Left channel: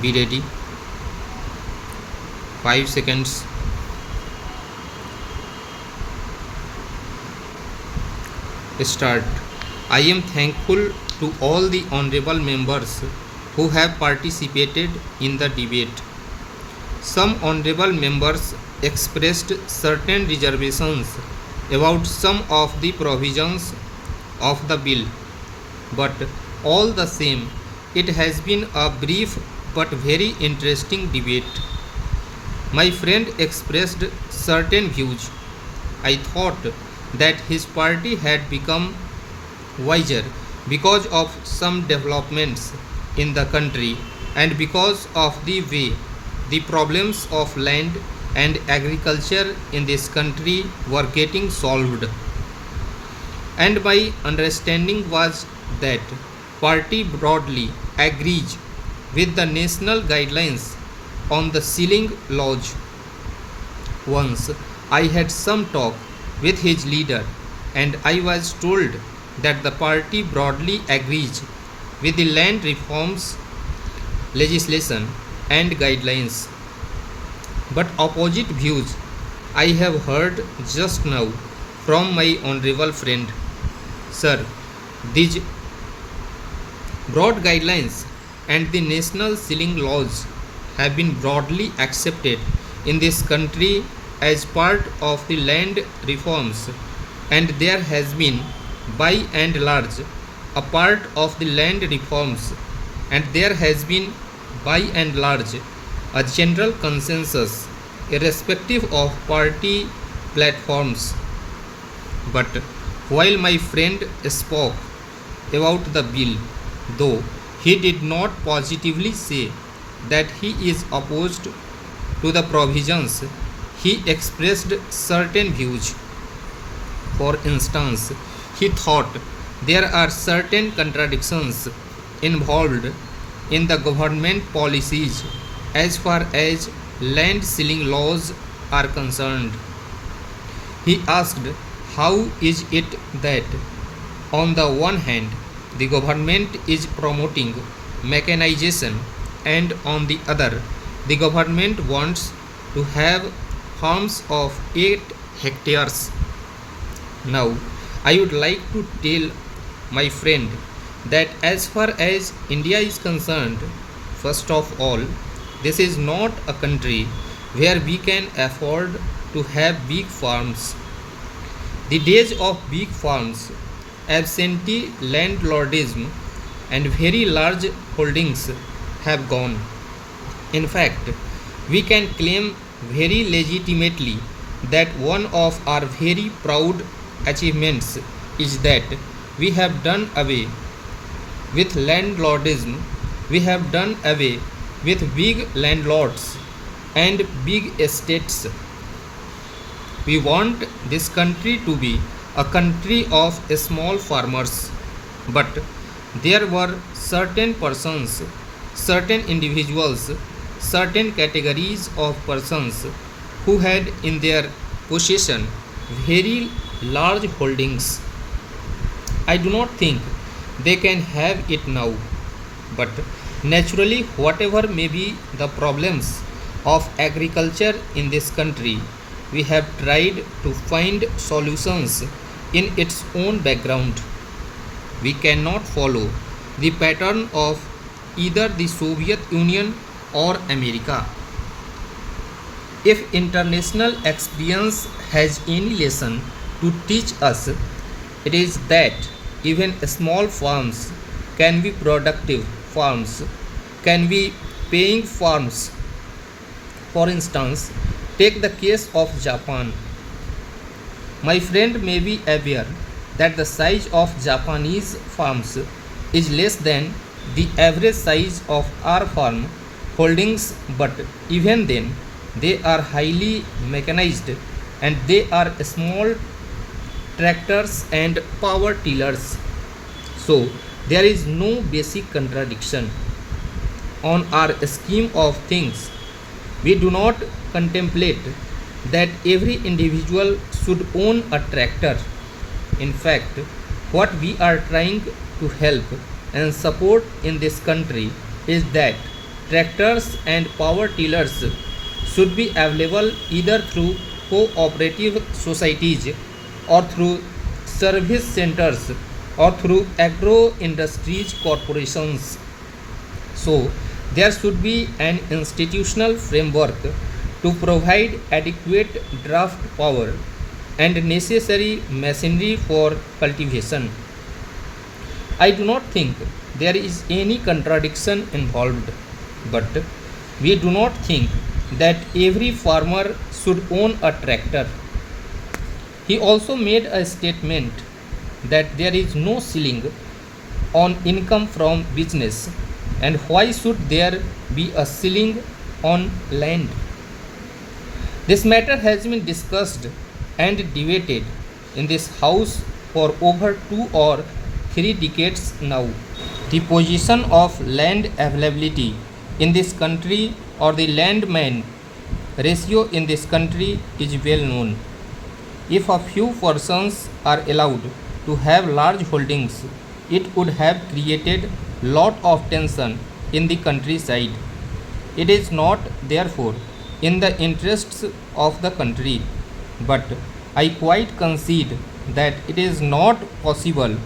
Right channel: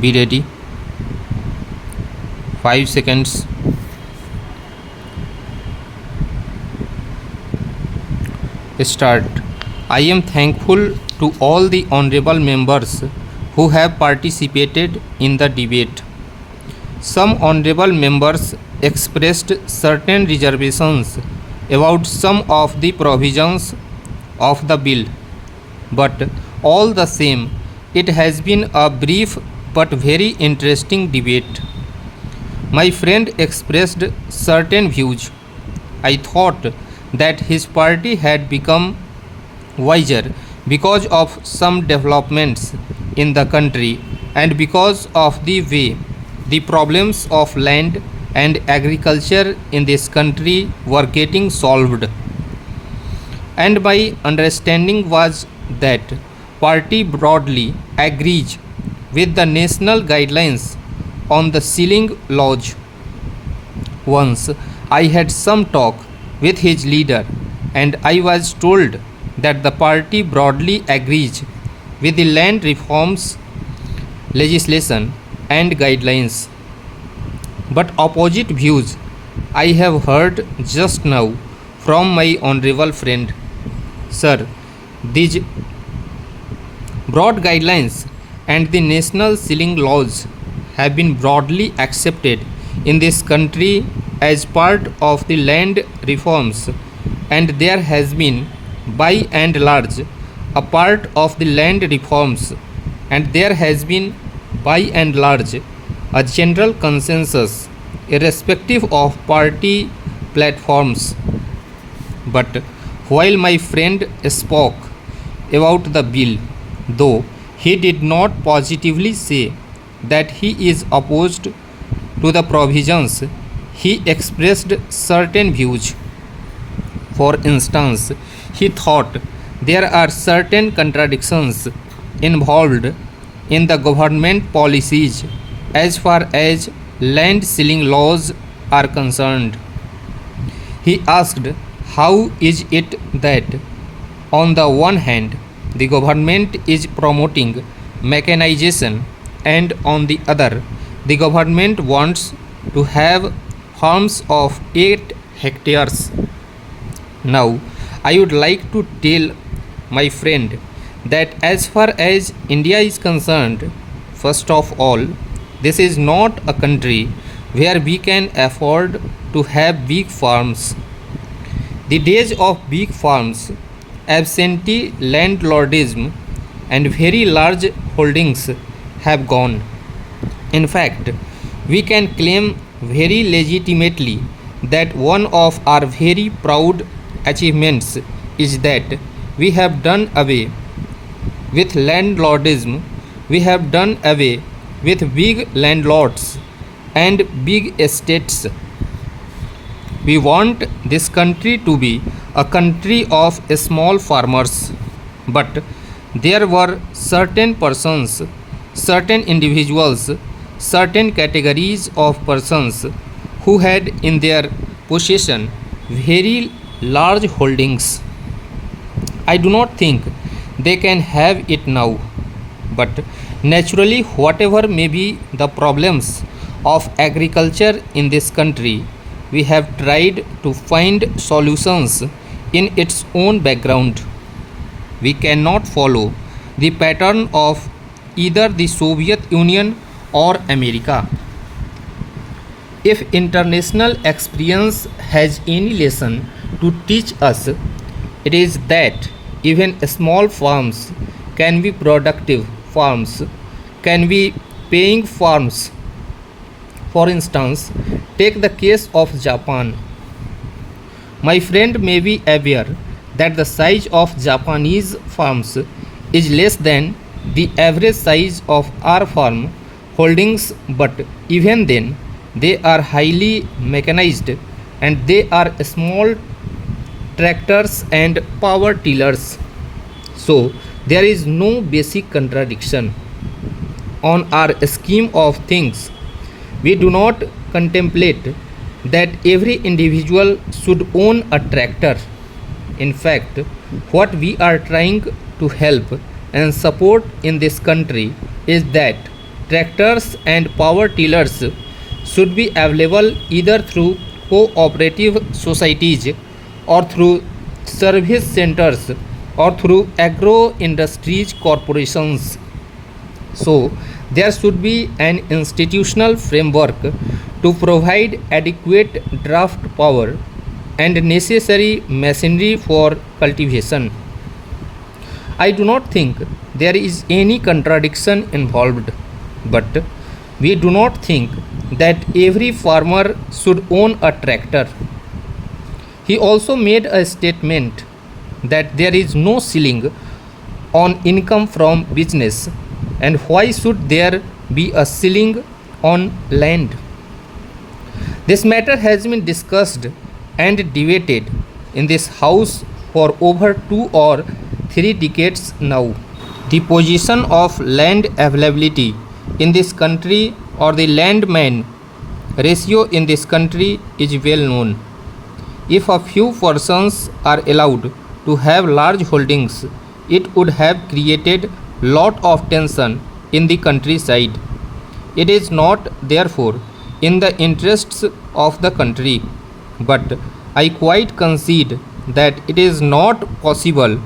Be ready. 5 seconds. Start. I am thankful to all the honorable members who have participated in the debate. Some honorable members expressed certain reservations about some of the provisions of the bill, but all the same, it has been a brief but very interesting debate. My friend expressed certain views. I thought that his party had become wiser because of some developments in the country and because of the way the problems of land and agriculture in this country were getting solved. And my understanding was that party broadly agrees with the national guidelines on the sealing laws. Once I had some talk with his leader and I was told that the party broadly agrees with the land reforms legislation and guidelines. But opposite views I have heard just now from my honorable friend. Sir, these broad guidelines and the national sealing laws have been broadly accepted in this country as part of the land reforms, and there has been, by and large, a part of the land reforms, and there has been, by and large, a general consensus irrespective of party platforms. But while my friend spoke about the bill, though he did not positively say that he is opposed to the provisions, he expressed certain views. For instance, he thought there are certain contradictions involved in the government policies as far as land sealing laws are concerned. He asked, how is it that, on the one hand, the government is promoting mechanization, and on the other, the government wants to have farms of 8 hectares? Now, I would like to tell my friend that as far as India is concerned, first of all, this is not a country where we can afford to have big farms. The days of big farms, absentee landlordism, and very large holdings have gone. In fact, we can claim very legitimately that one of our very proud achievements is that we have done away with landlordism, we have done away with big landlords and big estates. We want this country to be a country of small farmers, but there were certain persons, certain individuals, certain categories of persons who had in their possession very large holdings. I do not think they can have it now, but naturally, whatever may be the problems of agriculture in this country, we have tried to find solutions in its own background. We cannot follow the pattern of either the Soviet Union or America. If international experience has any lesson to teach us, it is that even small farms can be productive farms, can be paying farms. For instance, take the case of Japan. My friend may be aware that the size of Japanese farms is less than the average size of our farm holdings, but even then, they are highly mechanized and they are small tractors and power tillers. So, there is no basic contradiction. On our scheme of things, we do not contemplate that every individual should own a tractor. In fact, what we are trying to help and support in this country is that tractors and power tillers should be available either through cooperative societies or through service centers or through agro industries corporations. So, there should be an institutional framework to provide adequate draft power and necessary machinery for cultivation. I do not think there is any contradiction involved, but we do not think that every farmer should own a tractor. He also made a statement that there is no ceiling on income from business, and why should there be a ceiling on land? This matter has been discussed and debated in this house for over 2 or 3 decades now. The position of land availability in this country or the landman ratio in this country is well known. If a few persons are allowed to have large holdings, it would have created lot of tension in the countryside. It is not, therefore, in the interests of the country, but I quite concede that it is not possible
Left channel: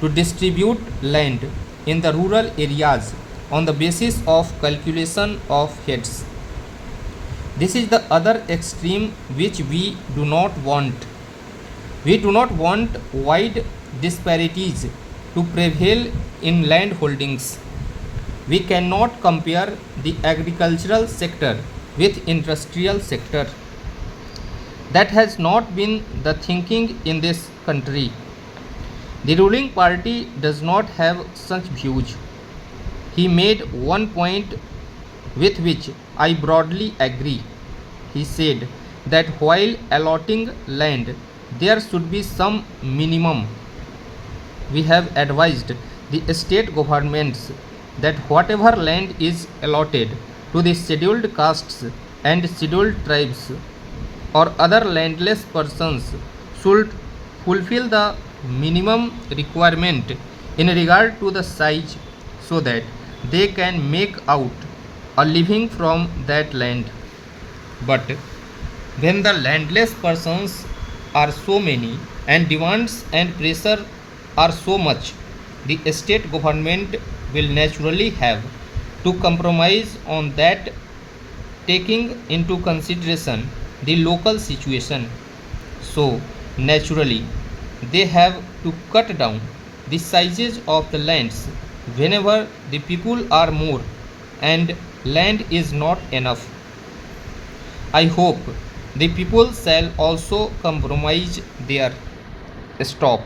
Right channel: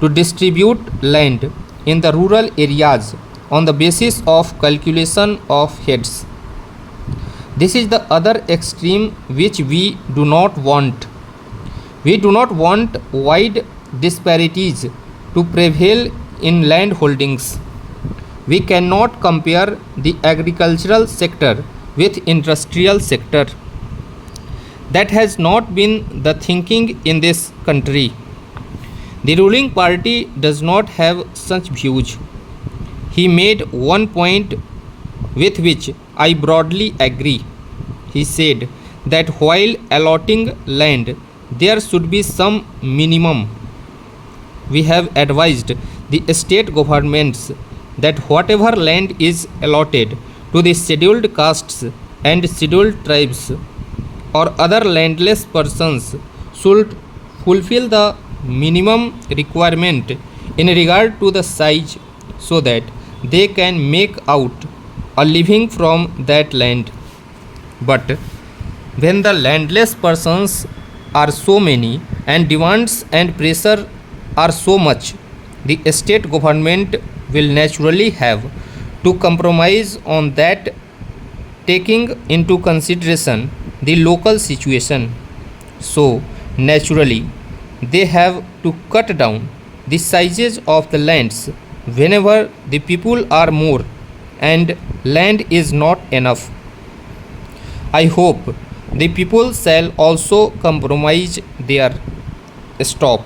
to distribute land in the rural areas on the basis of calculation of heads. This is the other extreme which we do not want. We do not want wide disparities to prevail in land holdings. We cannot compare the agricultural sector with industrial sector. That has not been the thinking in this country. The ruling party does not have such views. He made one point with which I broadly agree. He said that while allotting land, there should be some minimum. We have advised the state governments that whatever land is allotted to the scheduled castes and scheduled tribes or other landless persons should fulfill the minimum requirement in regard to the size so that they can make out a living from that land. But when the landless persons are so many and demands and pressure are so much, the state government will naturally have to compromise on that, taking into consideration the local situation. So, naturally, they have to cut down the sizes of the lands whenever the people are more and land is not enough. I hope the people shall also compromise their stop.